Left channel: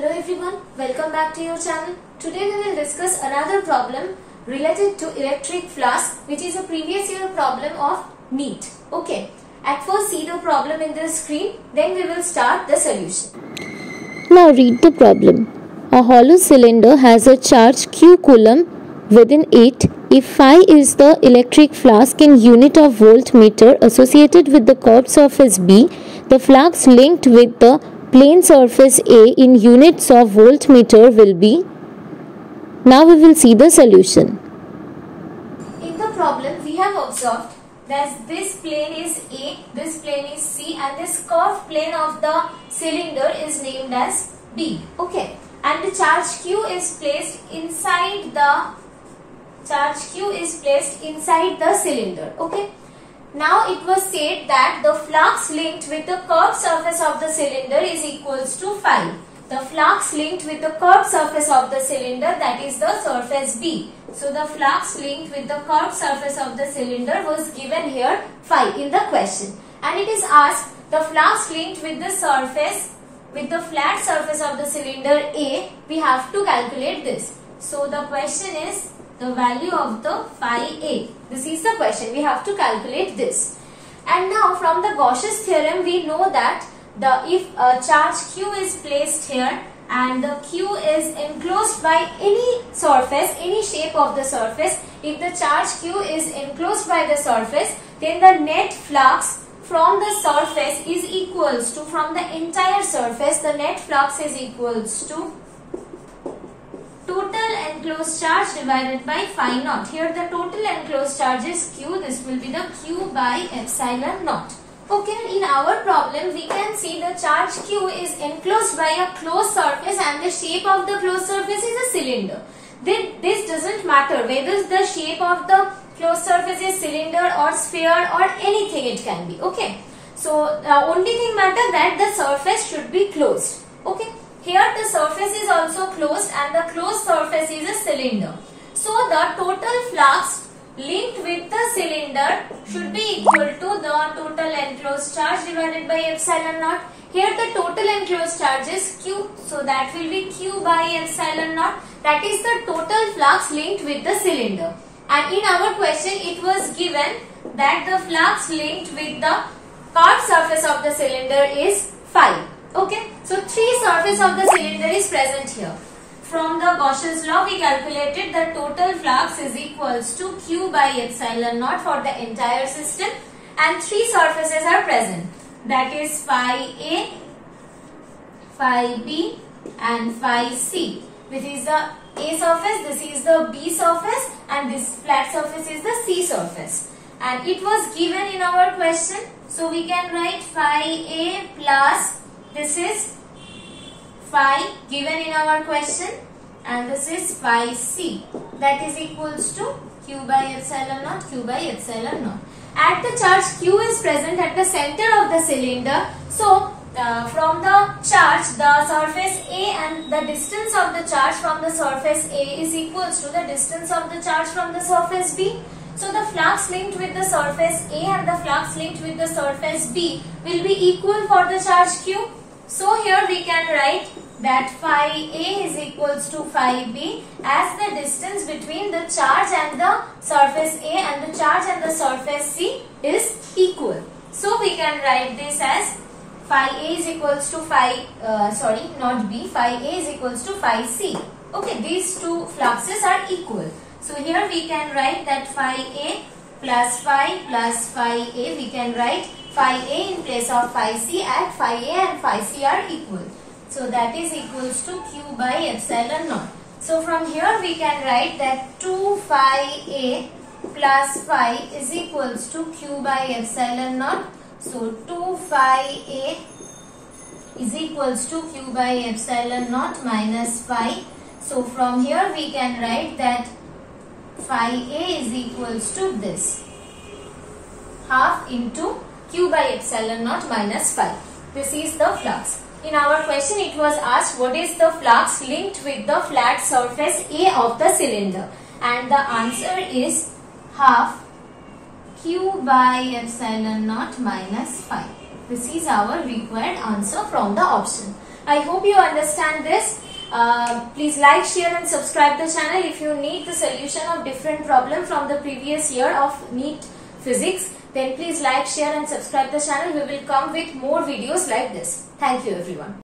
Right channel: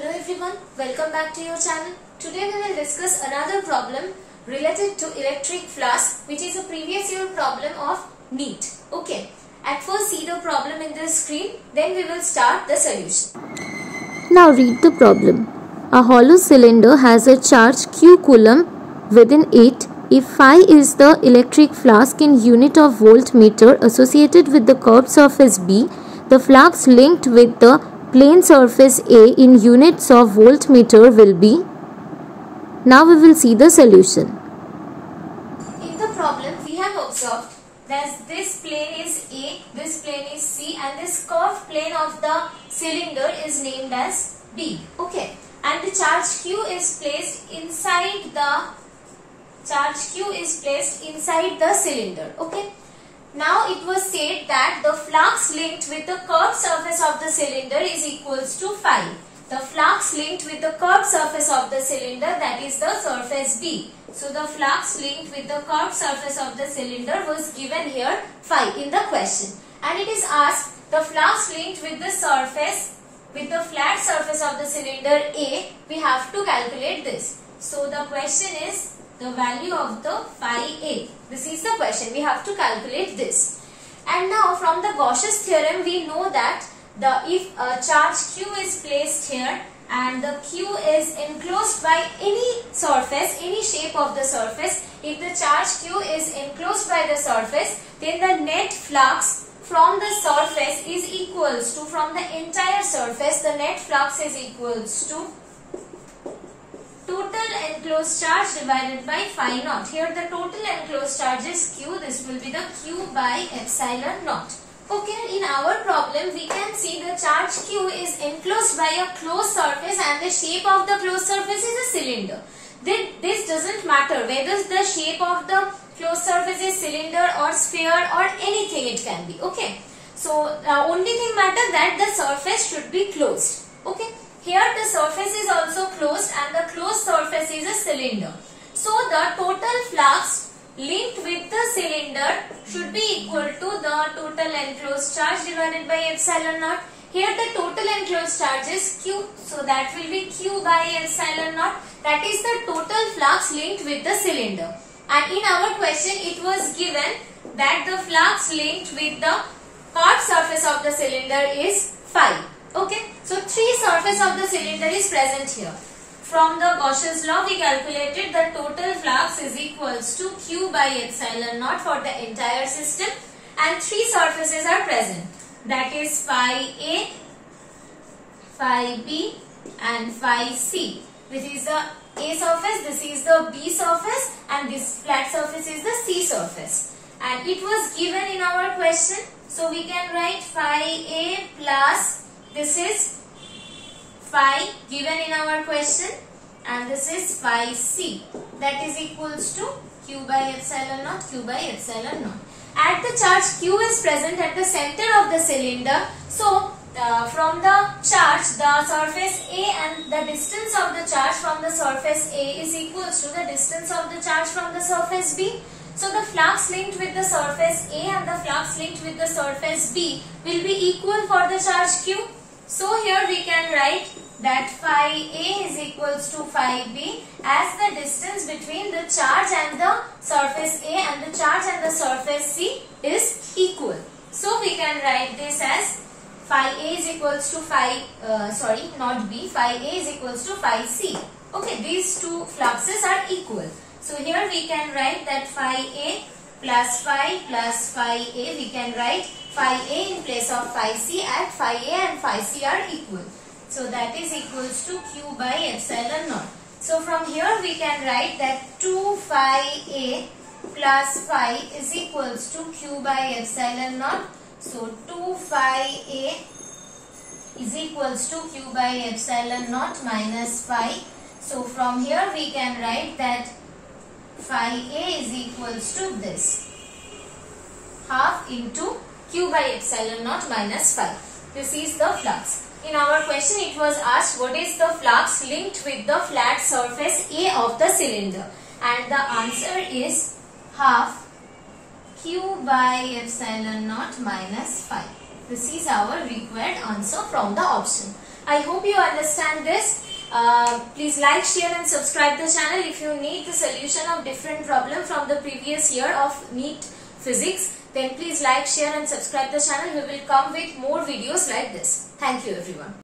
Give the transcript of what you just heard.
Hello everyone, welcome back to your channel. Today we will discuss another problem related to electric flask, which is a previous year problem of NEET. Okay, at first see the problem in the screen, then we will start the solution. Now read the problem. A hollow cylinder has a charge q coulomb within it. If phi is the electric flask in unit of voltmeter associated with the curved surface B, the flux linked with the plane surface A in units of voltmeter will be. Now we will see the solution. In the problem we have observed that this plane is A, this plane is C, and this curved plane of the cylinder is named as B. Okay, and the charge Q is placed inside the cylinder. Okay. Now it was said that the flux linked with the curved surface of the cylinder is equals to phi. The flux linked with the curved surface of the cylinder, that is the surface B. So the flux linked with the curved surface of the cylinder was given here phi in the question. And it is asked the flux linked with the surface, with the flat surface of the cylinder A, we have to calculate this. So the question is the value of the phi A. This is the question. We have to calculate this. And now from the Gauss's theorem we know that if a charge Q is placed here and the Q is enclosed by any surface, any shape of the surface, if the charge Q is enclosed by the surface, then the net flux from the surface is equals to, from the entire surface, the net flux is equals to total enclosed charge divided by phi naught. Here the total enclosed charge is Q. This will be the Q by epsilon naught. Okay, in our problem we can see the charge Q is enclosed by a closed surface and the shape of the closed surface is a cylinder. This doesn't matter whether the shape of the closed surface is cylinder or sphere or anything it can be. Okay, so only thing matter that the surface should be closed. Okay. Here the surface is also closed and the closed surface is a cylinder. So the total flux linked with the cylinder should be equal to the total enclosed charge divided by epsilon naught. Here the total enclosed charge is Q. So that will be Q by epsilon naught. That is the total flux linked with the cylinder. And in our question it was given that the flux linked with the curved surface of the cylinder is phi. Okay, so three surface of the cylinder is present here. From the Gauss's law we calculated the total flux is equals to Q by epsilon naught for the entire system, and three surfaces are present, that is phi A, phi B and phi C. This is the A surface, this is the B surface, and this flat surface is the C surface. And it was given in our question, so we can write phi A plus, this is phi given in our question, and this is phi C, that is equals to Q by epsilon naught, Q by epsilon naught. At the charge Q is present at the center of the cylinder, so from the charge, the surface A and the distance of the charge from the surface A is equals to the distance of the charge from the surface B. So the flux linked with the surface A and the flux linked with the surface B will be equal for the charge Q. So here we can write that phi A is equals to phi B as the distance between the charge and the surface A and the charge and the surface C is equal. So we can write this as phi A is equals to phi, phi A is equals to phi C. Okay, these two fluxes are equal. So here we can write that phi A plus phi A, we can write phi A in place of phi C, and phi A and phi C are equal. So that is equals to Q by epsilon naught. So from here we can write that 2 phi A plus phi is equals to Q by epsilon naught. So 2 phi A is equals to Q by epsilon naught minus phi. So from here we can write that phi A is equals to this, half into Q by epsilon naught minus phi. This is the flux. In our question it was asked what is the flux linked with the flat surface A of the cylinder, and the answer is half Q by epsilon naught minus phi. This is our required answer from the option. I hope you understand this. Please like, share and subscribe the channel. If you need the solution of different problem from the previous year of NEET Physics, then please like, share and subscribe the channel. We will come with more videos like this. Thank you everyone.